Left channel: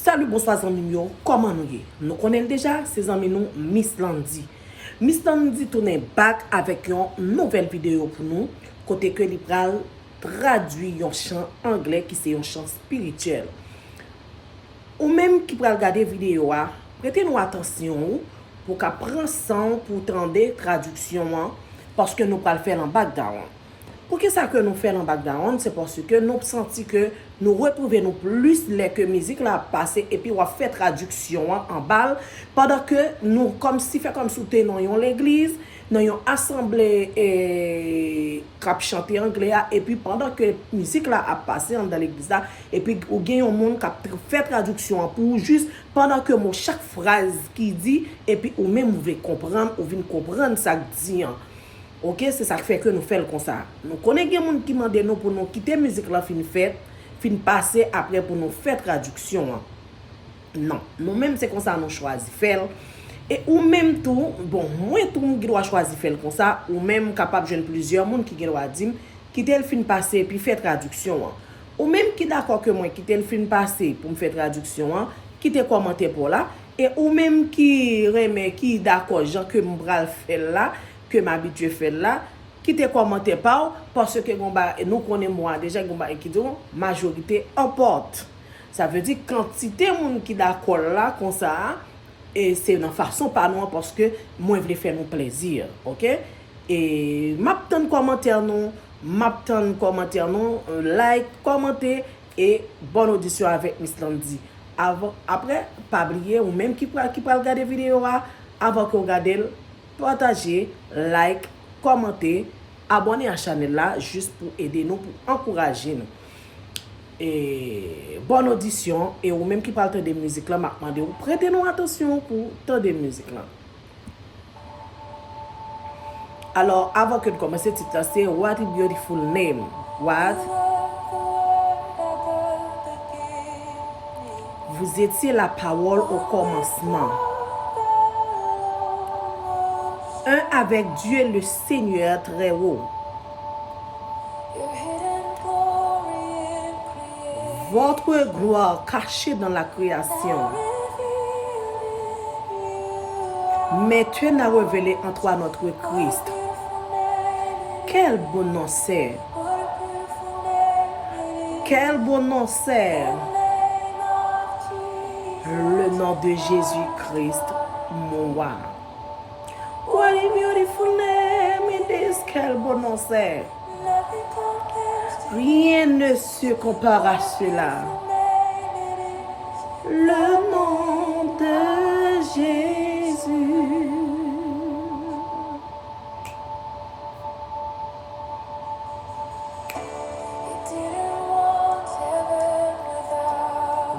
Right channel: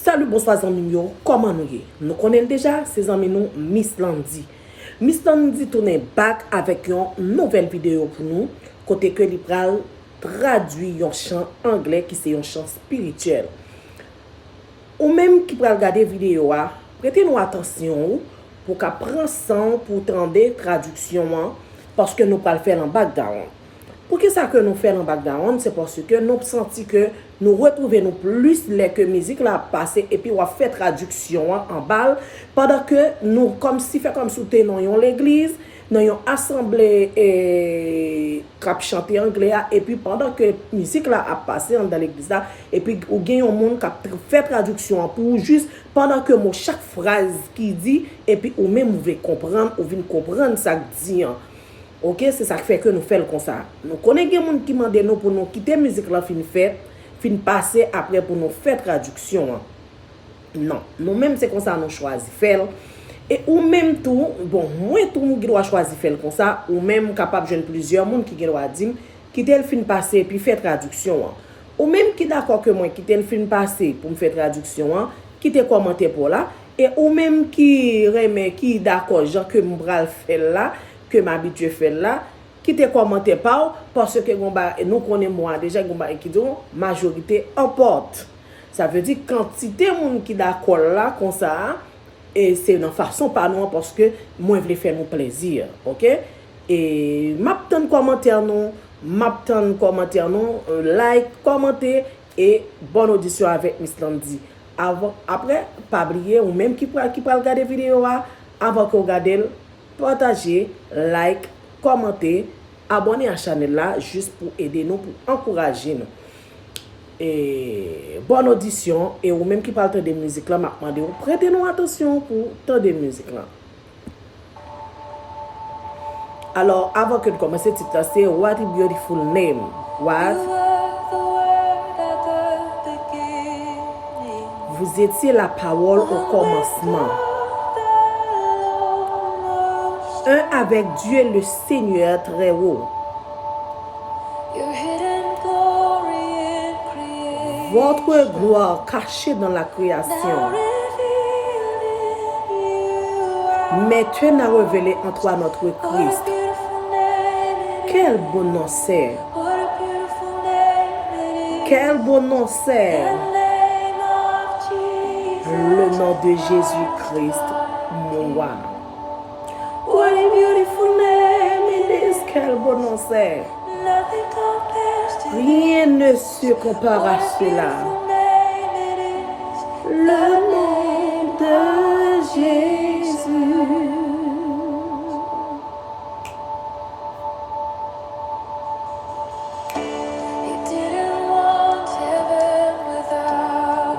Salut, bonsoir, amis. Comment nous y? Nous connaissons déjà, ces amis nous, Miss Landy. Miss Landy tourne back avec une nouvelle vidéo pour nous, côté que l'Ibral traduit un chant anglais qui c'est un chant spirituel. Ou même qui pral regarder vidéo, prêtez-nous attention pour qu'à prendre sang pour entendre traduction parce que nous pral faire en background. Pour que ça que nous faisons en background, c'est parce que nous senti que nous retrouvons plus les que musique là passé et puis on fait traduction en balle pendant que nous comme si fait comme si nous dans l'église, nous une assemblée et cap chanter anglais et puis pendant que musique là a passé dans l'église là et puis ou gagne un monde qui fait traduction pour juste pendant que mon chaque phrase qui dit et puis ou même vous voulez comprendre ou venir comprendre ça dit. OK, c'est ça qui fait que nous faisons comme ça. Nous connaissons des gens qui demandent nous pour nous quitter la musique là fin fait, fin passer après pour nous faire traduction. Non, nous-mêmes c'est comme ça nous choisi faire et ou même tout, bon, moi tout monde qui doit choisir faire comme ça ou même capable de plusieurs monde qui doit dire quitter le fin passer puis faire traduction. Ou même qui d'accord que moi quitter le fin passer pour me faire traduction, quitter commenter pour là et ou même qui remet qui d'accord Jean que m'bral faire là que m'habitue faire là qui te commenter pas parce que nous connaissons moi déjà qui dit majorité emporte. Ça veut dire quantité monde qui d'accord là comme ça et c'est une façon pas nous parce que moi je veux faire nous plaisir, OK? Et m'attend commentaire non, like, commenter et bonne audition avec Miss Landy. Avant après pas oublier ou même qui peut regarder vidéo avant que regarder partager, like, commenter, abonner à la chaîne là juste pour aider nous, pour encourager nous. Et bonne audition et ou même qui parle de musique là, m'a demandé ou prêtez-nous attention pour tant de musique là. Alors avant que de commencer titre là c'est What a Beautiful Name. What? Vous étiez la parole au commencement. Un avec Dieu le Seigneur très haut. Votre gloire cachée dans la création. Mais tu n'as révélé en toi notre Christ. Quel bon nom c'est. Quel bon nom c'est. Le nom de Jésus-Christ, mon roi. What a beautiful name it is, quel bon nom c'est. Rien ne se compare à cela. Le nom de Jésus.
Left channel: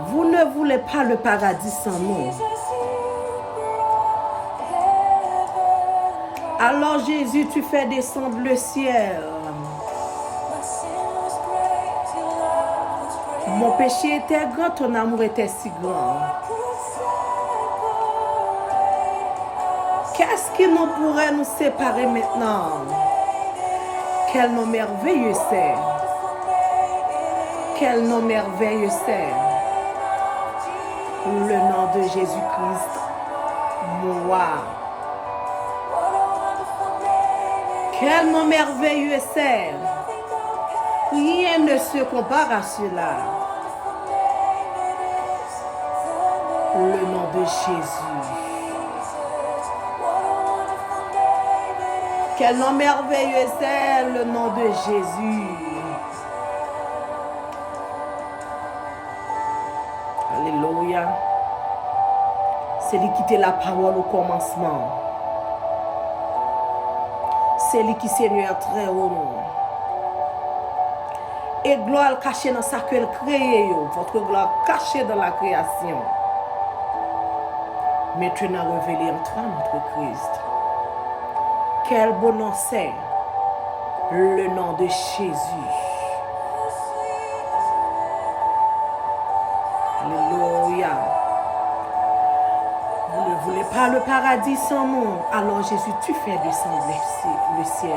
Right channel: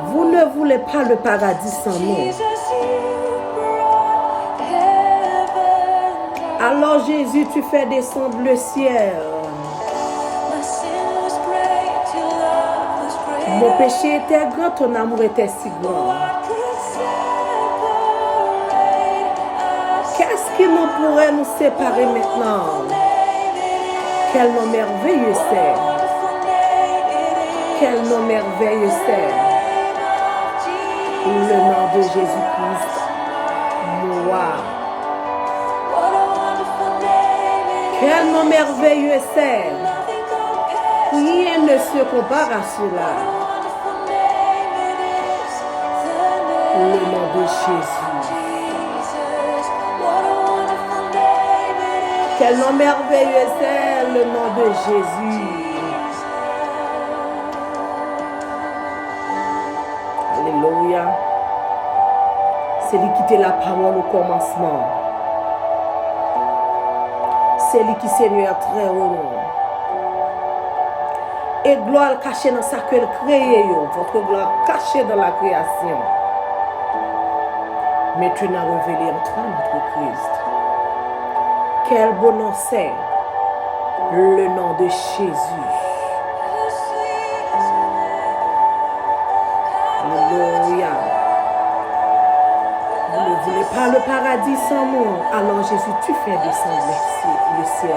Vous ne voulez pas le paradis sans nous. Alors Jésus, tu fais descendre le ciel. Mon péché était grand, ton amour était si grand. Qu'est-ce qui nous pourrait nous séparer maintenant? Quel nom merveilleux c'est. Quel nom merveilleux c'est. Le nom de Jésus-Christ, moi. Quel nom merveilleux c'est. Rien ne se compare à cela. Le nom de Jésus. Quel nom merveilleux c'est le nom de Jésus. Alléluia. C'est lui qui était la parole au commencement. C'est lui qui Seigneur très haut. Et gloire cachée dans sa qu'elle crée, votre gloire cachée dans la création. Mais tu n'as révélé en toi notre Christ. Quel bon nom c'est, le nom de Jésus. Alléluia. Vous ne voulez pas le paradis sans nous. Alors Jésus, tu fais descendre le ciel.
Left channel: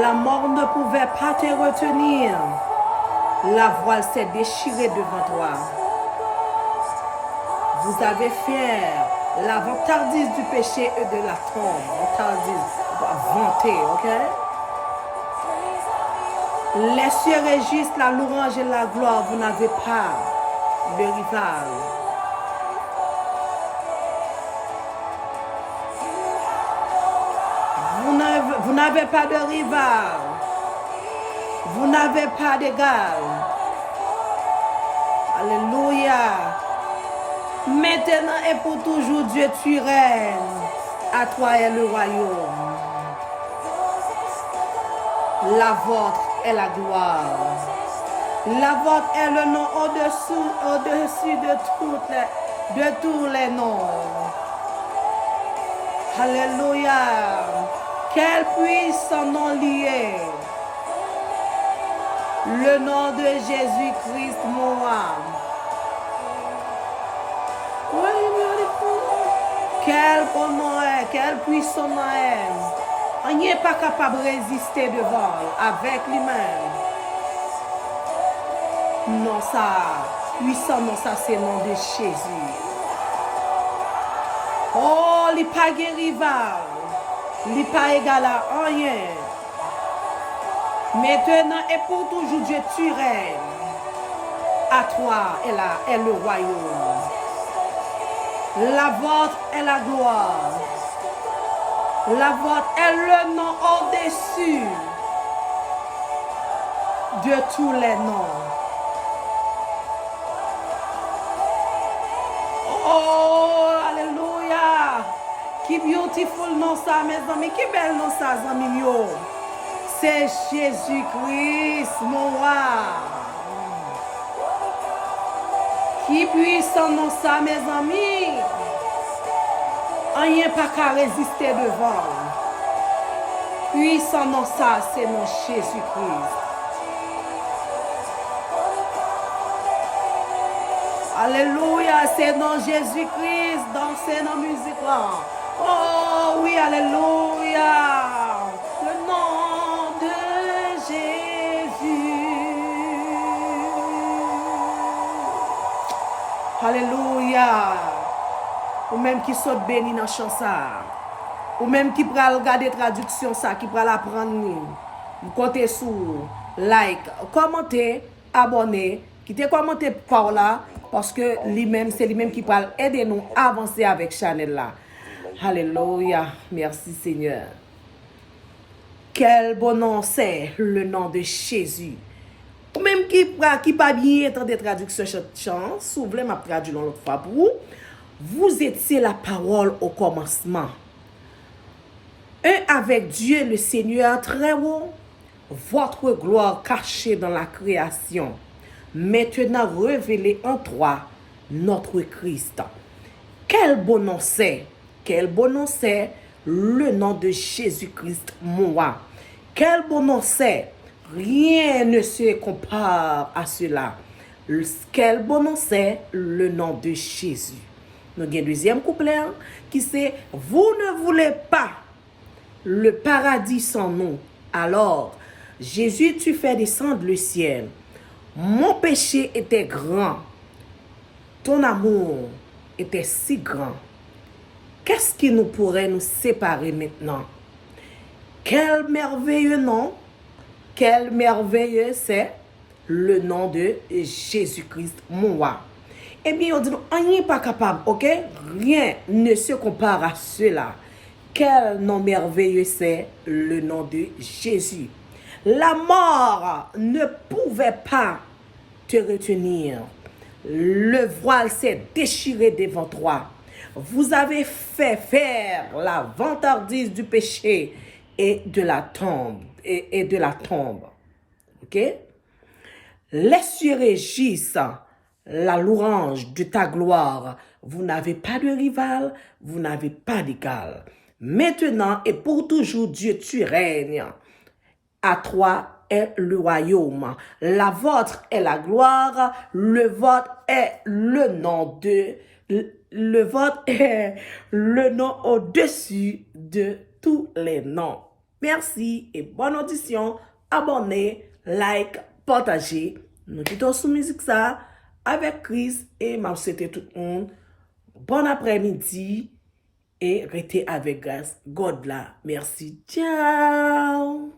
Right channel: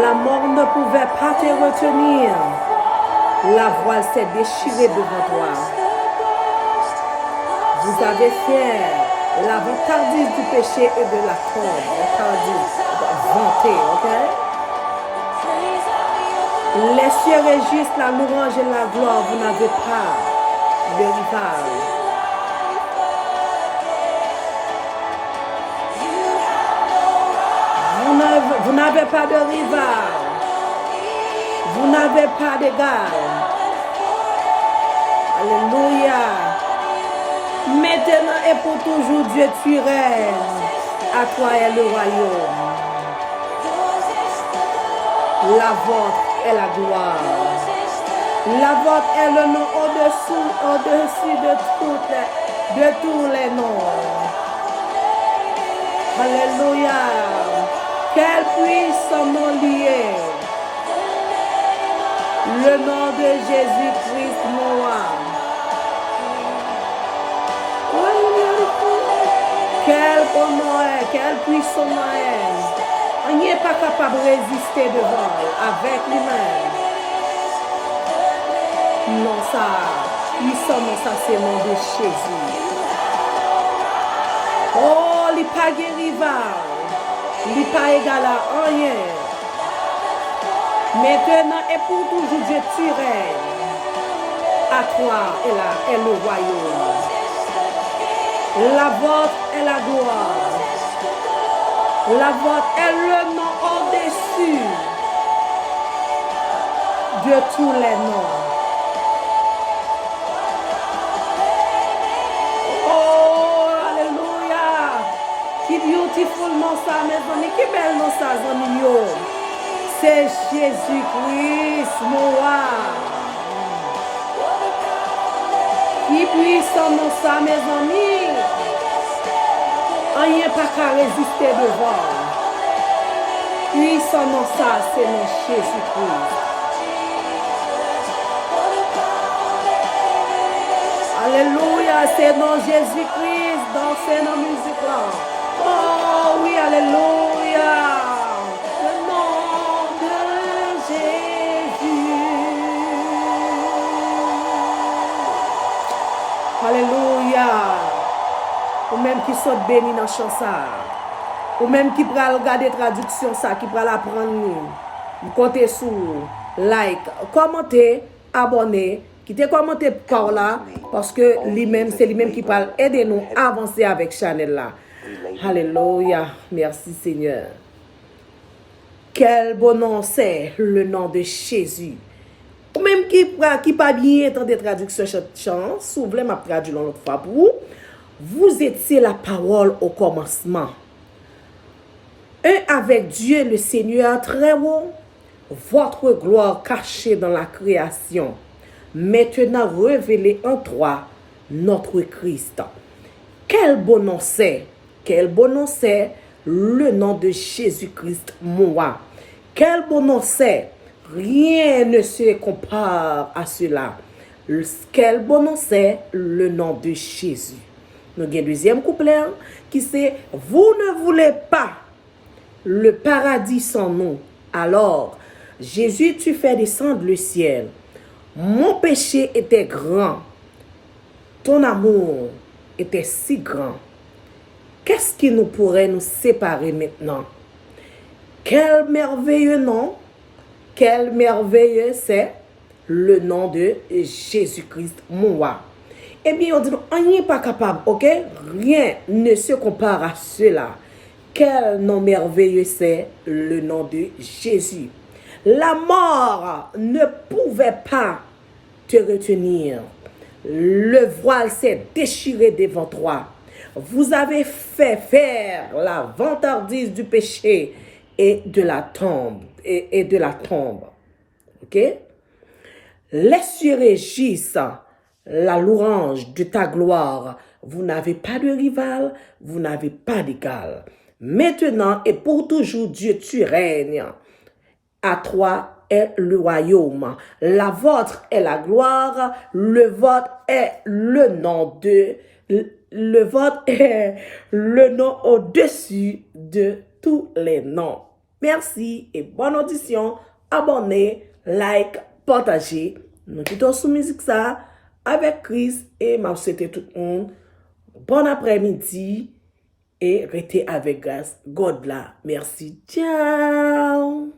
La mort ne pouvait pas te retenir. La voile s'est déchirée devant toi. Vous avez fait la vantardise du péché et de la tombe. Vantardise, vanter, ok? Les cieux régissent la louange et la gloire. Vous n'avez pas de rival. Vous n'avez pas de rival. Vous n'avez pas d'égal. Alléluia. Maintenant et pour toujours, Dieu, tu règnes. À toi est le royaume. La vôtre est la gloire. La vôtre est le nom au-dessus de tous les noms. Alléluia. Quel puissant nom lié. Le nom de Jésus-Christ, mon roi. Quel bon nom est, quel puissant nom est. On n'est pas capable de résister devant avec lui-même. Non, ça, puissant, non, ça, c'est le nom de Jésus. Oh, il n'est pas rival. Il n'est pas égal à rien. Maintenant et pour toujours, Dieu, tu règnes. À toi est le royaume. La vôtre est la gloire. La vôtre est le nom au-dessus de tous les noms. Oh, alléluia. Qui beautiful nom ça, mes amis. Qui belle nom ça, amis. C'est Jésus-Christ, mon roi. Qui puissant nom ça, mes amis. Rien pas qu'à résister devant. Puissant nom ça, c'est nom Jésus-Christ. Alléluia, c'est nom Jésus-Christ dans ces noms musiques là. Oh oui, alléluia. Le nom de Jésus. Alléluia. Ou même qui saute béni dans chant ça. Ou même qui pral regarder traduction ça, qui pral apprendre. Vous comptez sur like, commenter, abonner, quittez commenter par là parce que lui-même c'est lui-même qui pral aider nous à avancer avec Chanel là. Alléluia. Merci Seigneur. Quel bon nom c'est le nom de Jésus. Ou même qui pas bien entendre traduction chant, si vous voulez m'a traduire l'autre fois pour vous. Vous étiez la parole au commencement. Un avec Dieu le Seigneur très haut, votre gloire cachée dans la création, maintenant révélée en toi, notre Christ. Quel bon nom c'est, le nom de Jésus-Christ, mon roi. Quel bon nom c'est, rien ne se compare à cela. Quel bon nom c'est, le nom de Jésus. Nous avons un deuxième couplet qui c'est « Vous ne voulez pas le paradis sans nous. Alors, Jésus, tu fais descendre le ciel. Mon péché était grand. Ton amour était si grand. Qu'est-ce qui nous pourrait nous séparer maintenant? Quel merveilleux nom, quel merveilleux c'est le nom de Jésus-Christ, mon roi. » Eh bien, on dit, on n'est pas capable, ok? Rien ne se compare à cela. Quel nom merveilleux c'est le nom de Jésus. La mort ne pouvait pas te retenir. Le voile s'est déchiré devant toi. Vous avez fait faire la vantardise du péché et de la tombe. Et de la tombe. Ok? Les cieux régissent la louange de ta gloire. Vous n'avez pas de rival, vous n'avez pas d'égal. Maintenant et pour toujours, Dieu, tu règnes. À toi est le royaume. La vôtre est la gloire. Le vôtre est le nom de... Le vôtre est le nom au-dessus de tous les noms. Merci et bonne audition. Abonnez, like, partagez. Nous quittons sous musique ça avec Chris et m'a souhaité tout le monde bon après-midi et restez avec grâce. God là. Merci. Ciao.